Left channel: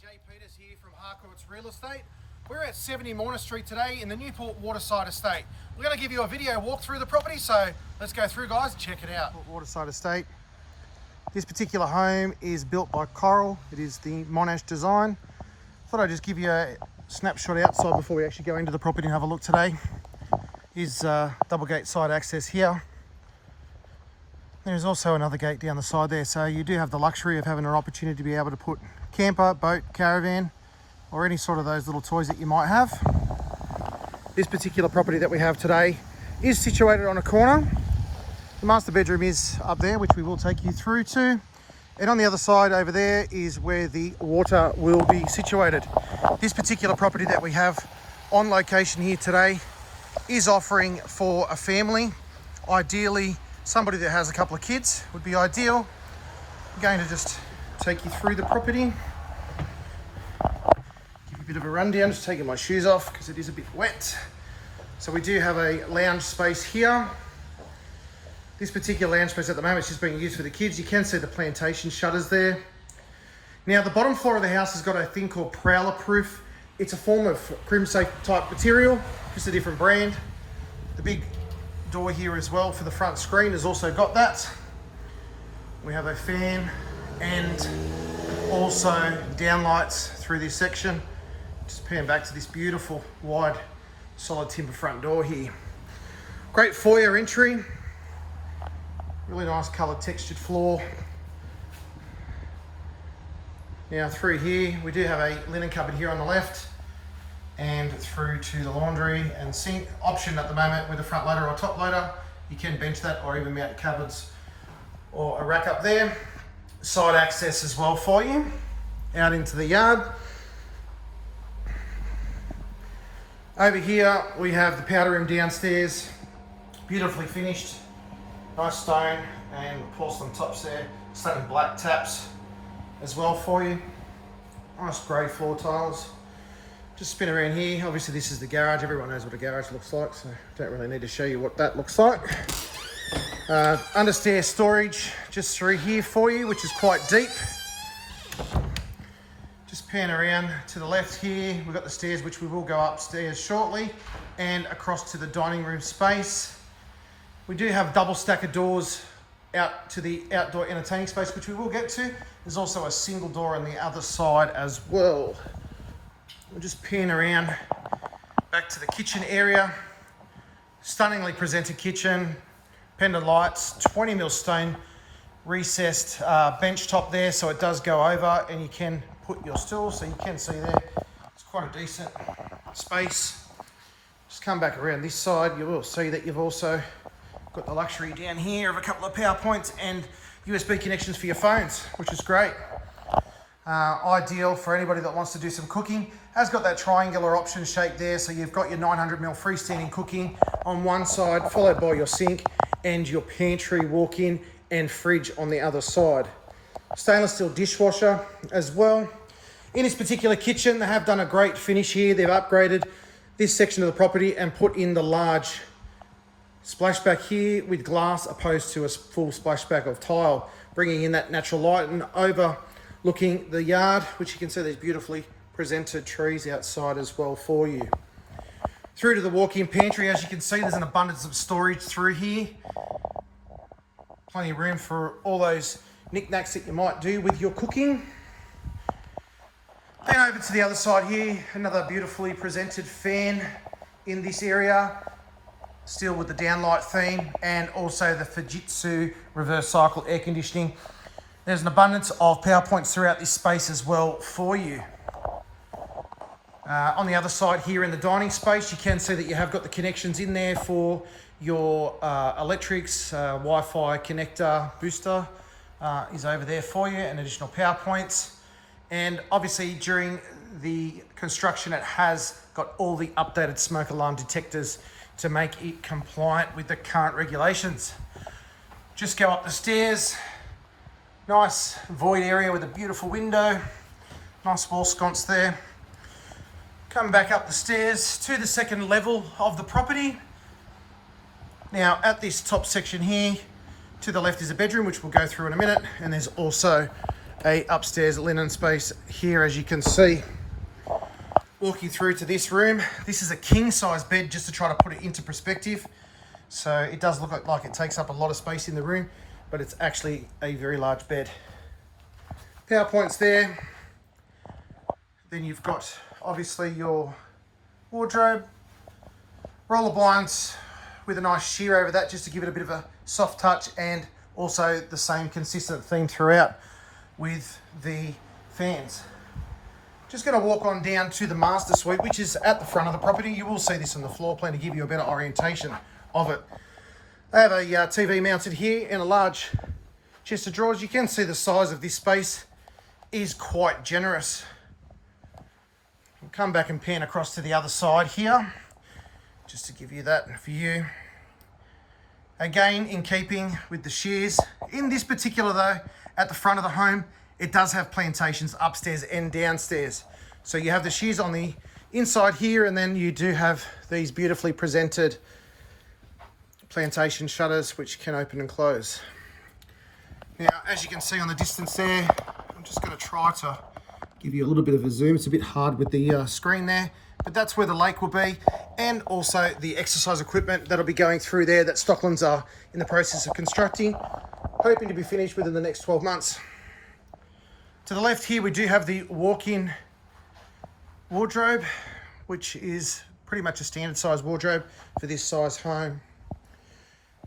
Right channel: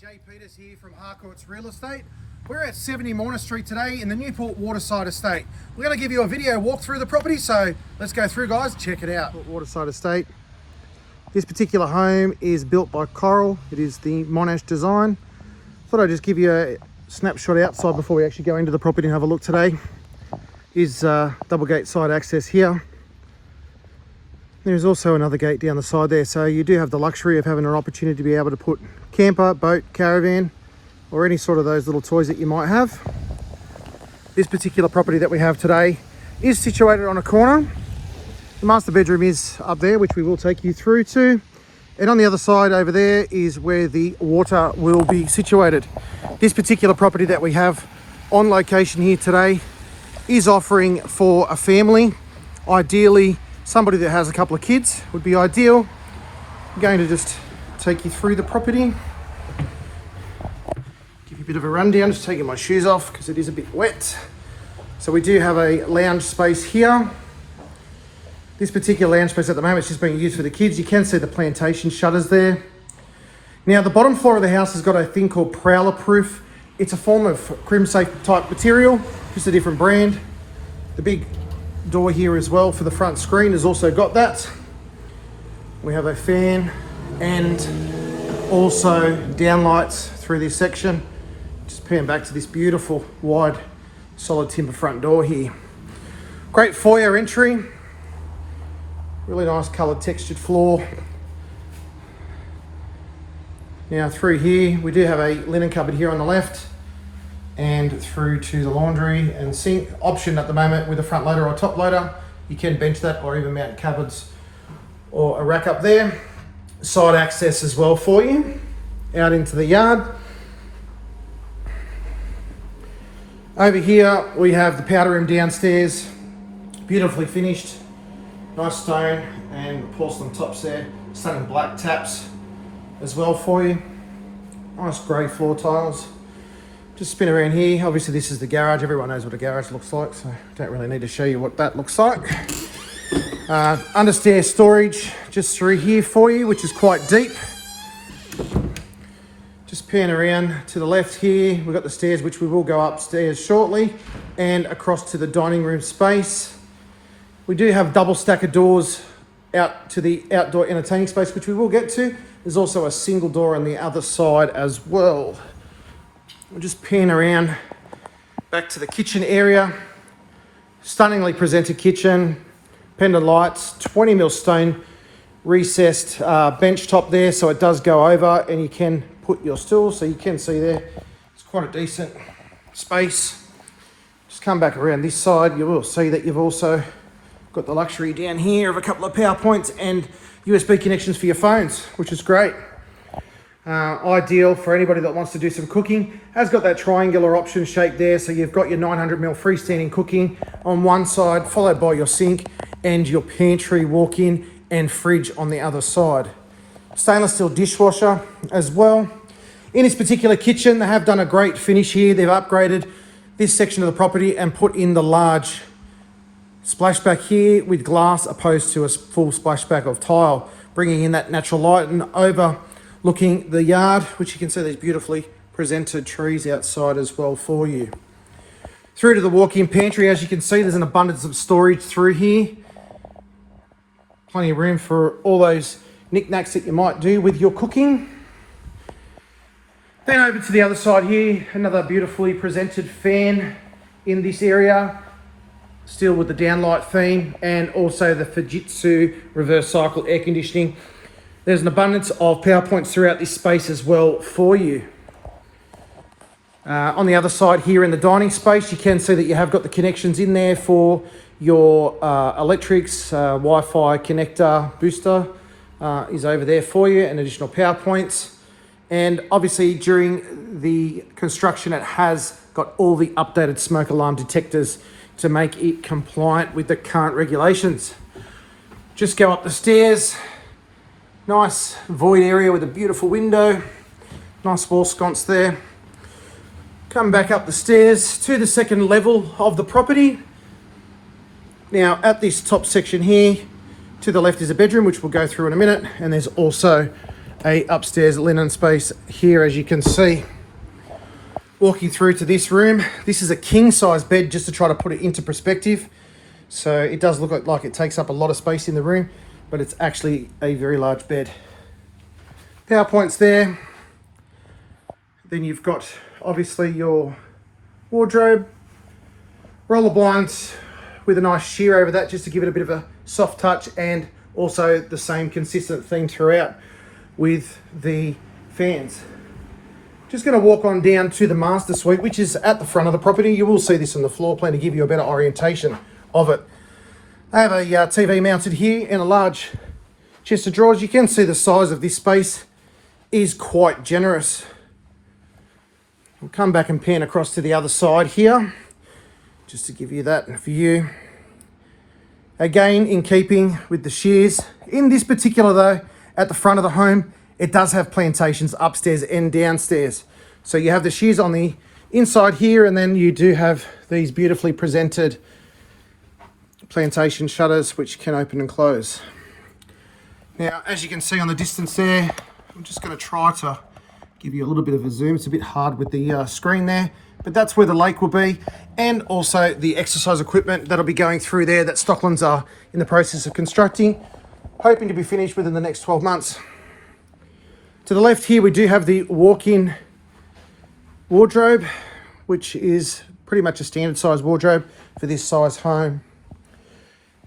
Jay Peters here from Harcourt's Real Estate. We're at 70 Morna Street today in the Newport Waterside Estate. We're going to give you a video walk through the property, so let's go through, guys. Check it out. Waterside Estate. This particular home is built by Coral. It is the Monash design. Thought I'd just give you a snapshot outside before we actually go into the property and have a look today. Is double gate side access here. There's also another gate down the side there, so you do have the luxury of having an opportunity to be able to put camper, boat, caravan, or any sort of those little toys that you might have. This particular property that we have today is situated on a corner. The master bedroom is up there, which we will take you through to. And on the other side over there is where the water will be situated. This particular property that we have on location here today is offering for a family. Ideally, somebody that has a couple of kids would be ideal. I'm going to just take you through the property. Give you a bit of a rundown, just taking my shoes off because it is a bit wet. So we do have a lounge space here. This particular lounge space at the moment is just being used for the kids. You can see the plantation shutters there. Now the bottom floor of the house has got a thing called Prowler Proof. It's a form of crim safe type material, just a different brand. The big door here as well for the front screen has also got that. We have a fan and also downlights through this section. Just pan back to this beautiful wide solid timber front door here. Great foyer entry. Really nice coloured textured floor. Now through here we do have a linen cupboard here on the left, and through to the laundry and sink option at the moment with a front loader or top loader. You can bench that or even mount cupboards or a rack up there. Side access as well for you out into the yard. Over here we have the powder room downstairs, beautifully finished, nice stone and porcelain tops there, stunning black taps as well for you. Nice grey floor tiles. Just spin around here. Obviously this is the garage. Everyone knows what a garage looks like, so don't really need to show you what that looks like. Understairs storage just through here for you, which is quite deep. Just pan around to the left here. We've got the stairs, which we will go upstairs shortly, and across to the dining room space. We do have double stack of doors out to the outdoor entertaining space, which we will get to. There's also a single door on the other side as well. We'll just pan around back to the kitchen area. Stunningly presented kitchen, pendant lights, 20mm stone recessed bench top there, so it does go over and you can put your stool, so you can see there. It's quite a decent space. Just come back around this side, you will see that you've also got the luxury down here of a couple of power points and USB connections for your phones, which is great. Ideal for anybody that wants to do some cooking. Has got that triangular option shape there, so you've got your 900mm freestanding cooking on one side, followed by your sink and your pantry walk-in and fridge on the other side. Stainless steel dishwasher as well. In this particular kitchen, they have done a great finish here. They've upgraded this section of the property and put in the large splashback here with glass opposed to a full splashback of tile, bringing in that natural light and overlooking the yard, which you can see these beautifully presented trees outside as well for you. Through to the walk-in pantry, as you can see, there's an abundance of storage through here. Plenty of room for all those knickknacks that you might do with your cooking. Then over to the other side here, another beautifully presented fan in this area, still with the downlight theme, and also the Fujitsu reverse cycle air conditioning. There's an abundance of power points throughout this space as well for you. On the other side here in the dining space, you can see that you have got the connections in there for your electrics, Wi-Fi connector booster is over there for you, and additional power points. And obviously during the construction, it has got all the updated smoke alarm detectors to make it compliant with the current regulations. Just go up the stairs. Nice void area with a beautiful window. Nice wall sconce there. Come back up the stairs to the second level of the property. Now at this top section here, to the left is a bedroom, which we'll go through in a minute, and there's also a upstairs linen space here, as you can see. Walking through to this room, this is a king size bed, just to try to put it into perspective. So it does look like it takes up a lot of space in the room, but it's actually a very large bed. Power points there. Then you've got obviously your wardrobe, roller blinds with a nice sheer over that just to give it a bit of a soft touch, and also the same consistent theme throughout with the fans. Just going to walk on down to the master suite, which is at the front of the property. You will see this on the floor plan to give you a better orientation of it. I have a TV mounted here and a large chest of drawers. You can see the size of this space is quite generous. We'll come back and pan across to the other side here, just to give you that view. Again, in keeping with the shears. In this particular though, at the front of the home, it does have plantations upstairs and downstairs. So you have the shears on the inside here, and then you do have these beautifully presented plantation shutters which can open and close. Now, as you can see on the distance there, I'm just going to try to give you a little bit of a zoom. It's a bit hard with the screen there, but that's where the lake will be, and also the exercise equipment that'll be going through there that Stocklands are in the process of constructing, hoping to be finished within the next 12 months. To the left here, we do have the walk-in wardrobe, which is pretty much a standard size wardrobe for this size home.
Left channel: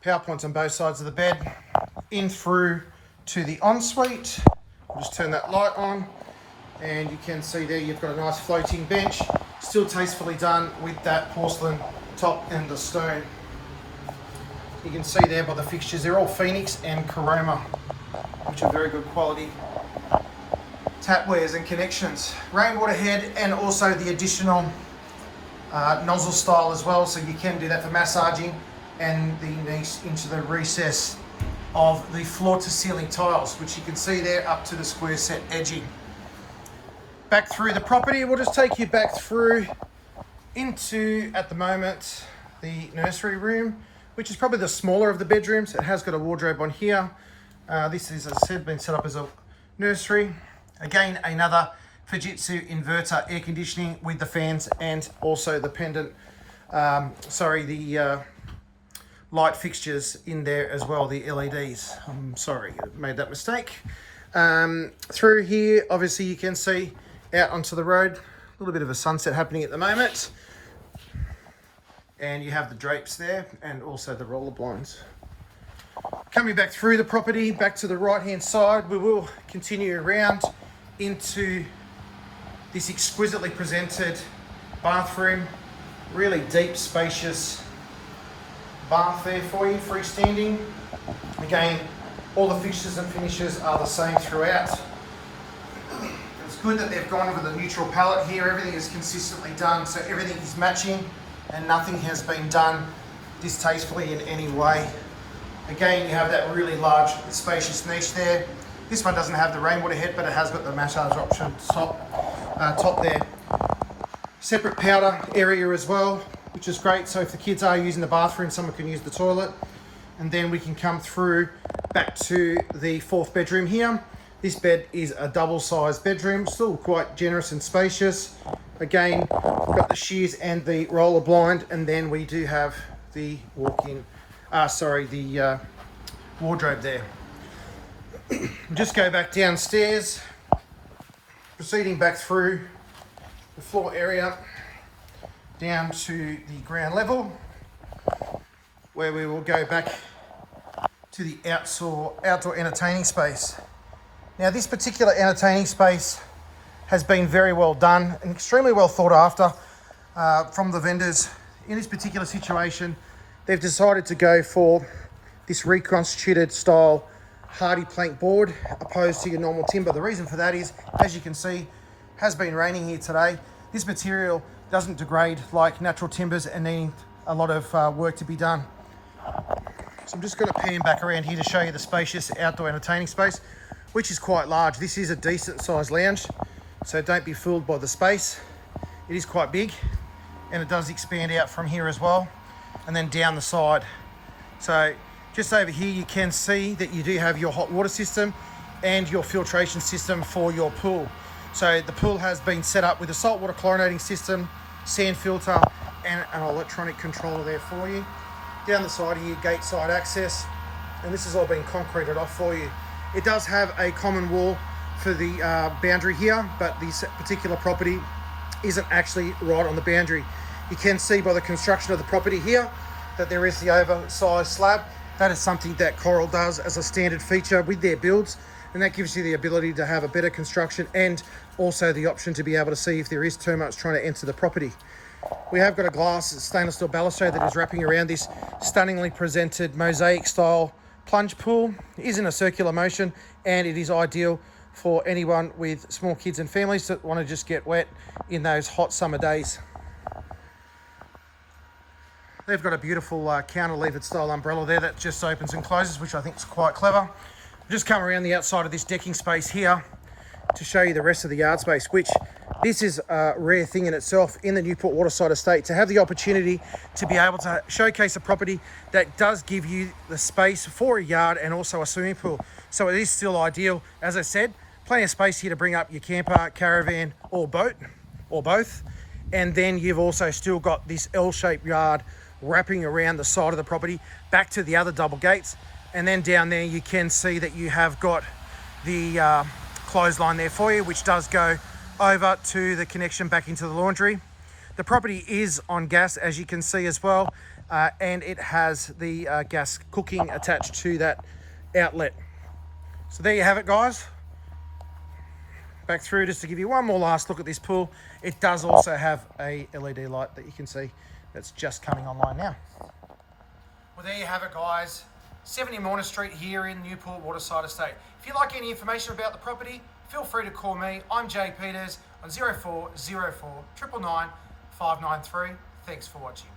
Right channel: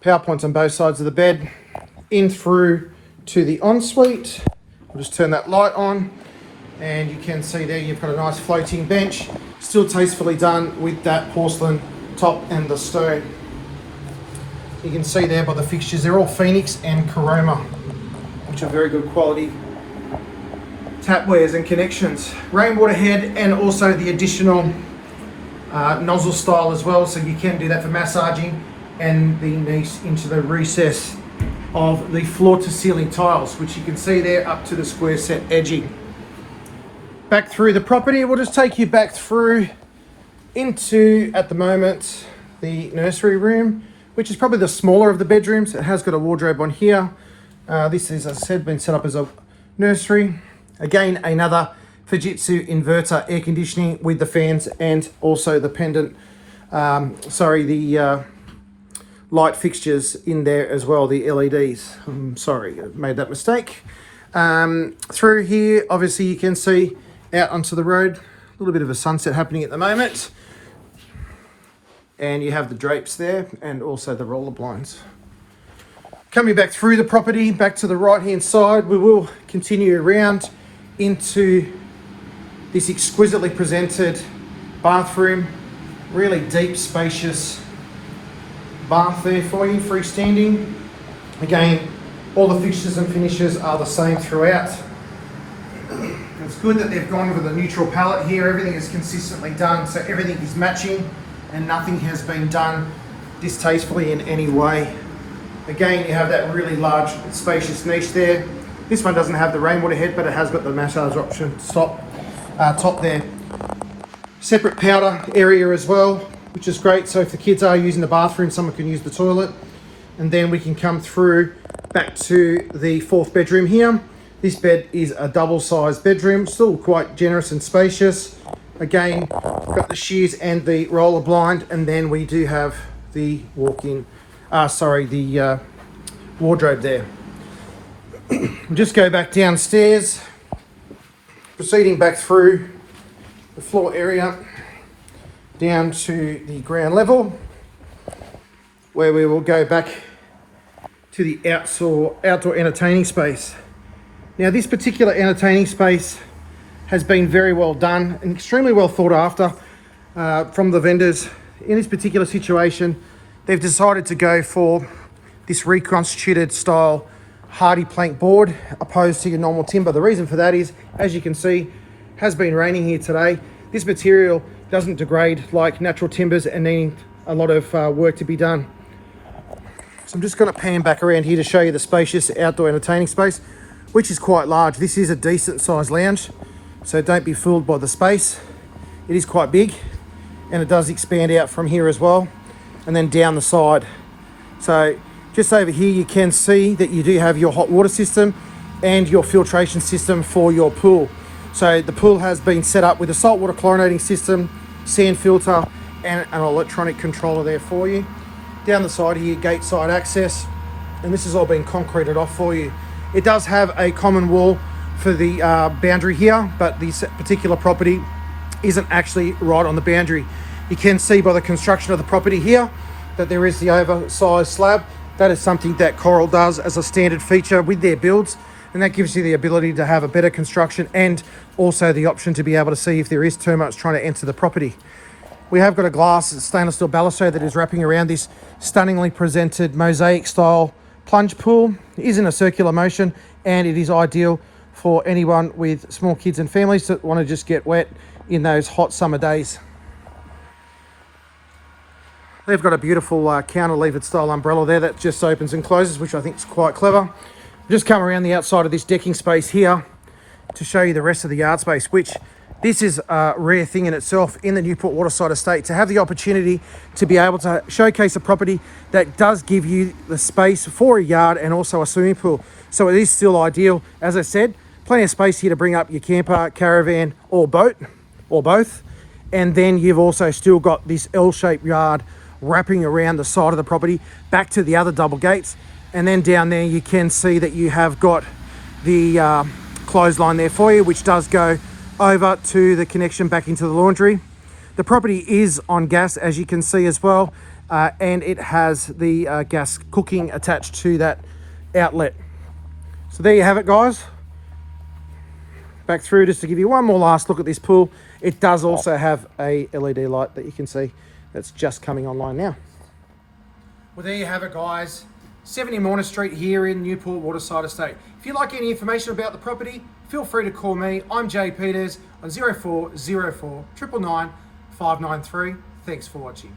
Power points on both sides of the bed, in through to the ensuite. I'll just turn that light on, and you can see there you've got a nice floating bench, still tastefully done with that porcelain top and the stone. You can see there by the fixtures, they're all Phoenix and Coroma, which are very good quality tapwares and connections. Rainwater head, and also the additional nozzle style as well, so you can do that for massaging, and the niche into the recess of the floor to ceiling tiles, which you can see there up to the square set edging. Back through the property, we'll just take you back through into, at the moment, the nursery room, which is probably the smaller of the bedrooms. It has got a wardrobe on here. This is, as I said, been set up as a nursery. Again, another Fujitsu inverter air conditioning with the fans, and also the pendant, light fixtures in there as well, the LEDs. I'm sorry, I made that mistake. Through here, obviously you can see out onto the road, a little bit of a sunset happening at the moment. And you have the drapes there, and also the roller blinds. Coming back through the property, back to the right-hand side, we will continue around into this exquisitely presented bathroom. Really deep, spacious bath there for you, freestanding. Again, all the fixtures and finishes are the same throughout. It's good that they've gone with a neutral palette here. Everything is consistently done, so everything is matching and nothing has been done distastefully in any way. Again, you have that really large, spacious niche there. This one doesn't have the rainwater head, but it has got the massage option top there. Separate powder area as well, which is great. So if the kids are using the bathroom, someone can use the toilet. And then we can come through back to the fourth bedroom here. This bed is a double-sized bedroom, still quite generous and spacious. Again, got the shears and the roller blind, and then we do have the wardrobe there. We'll just go back downstairs, proceeding back through the floor area down to the ground level, where we will go back to the outdoor entertaining space. Now, this particular entertaining space has been very well done and extremely well thought after from the vendors. In this particular situation, they've decided to go for this reconstituted style hardy plank board opposed to your normal timber. The reason for that is, as you can see, has been raining here today. This material doesn't degrade like natural timbers and needing a lot of work to be done. So I'm just going to pan back around here to show you the spacious outdoor entertaining space, which is quite large. This is a decent sized lounge, so don't be fooled by the space. It is quite big, and it does expand out from here as well, and then down the side. So just over here, you can see that you do have your hot water system. and your filtration system for your pool. So the pool has been set up with a saltwater chlorinating system, sand filter, and an electronic controller there for you. Down the side here, gate side access, and this has all been concreted off for you. It does have a common wall for the boundary here, but this particular property isn't actually right on the boundary. You can see by the construction of the property here that there is the oversized slab. That is something that Coral does as a standard feature with their builds, and that gives you the ability to have a better construction and also the option to be able to see if there is termites trying to enter the property. We have got a glass stainless steel balustrade that is wrapping around this stunningly presented mosaic style plunge pool. It is in a circular motion, and it is ideal for anyone with small kids and families that want to just get wet in those hot summer days. They've got a beautiful counter-levered style umbrella there that just opens and closes, which I think is quite clever. Just come around the outside of this decking space here to show you the rest of the yard space, which this is a rare thing in itself in the Newport Waterside Estate, to have the opportunity to be able to showcase a property that does give you the space for a yard and also a swimming pool. So it is still ideal. As I said, plenty of space here to bring up your camper, caravan, or boat, or both. And then you've also still got this L-shaped yard wrapping around the side of the property back to the other double gates. And then down there you can see that you have got the clothesline there for you, which does go over to the connection back into the laundry. The property is on gas, as you can see as well, and it has the gas cooking attached to that outlet. So there you have it, guys. Back through just to give you one more last look at this pool. It does also have a LED light that you can see that's just coming online now. Well, there you have it, guys. 70 Morna Street here in Newport Waterside Estate. If you'd like any information about the property, feel free to call me. I'm Jay Peters on 0404 999 593. Thanks for watching.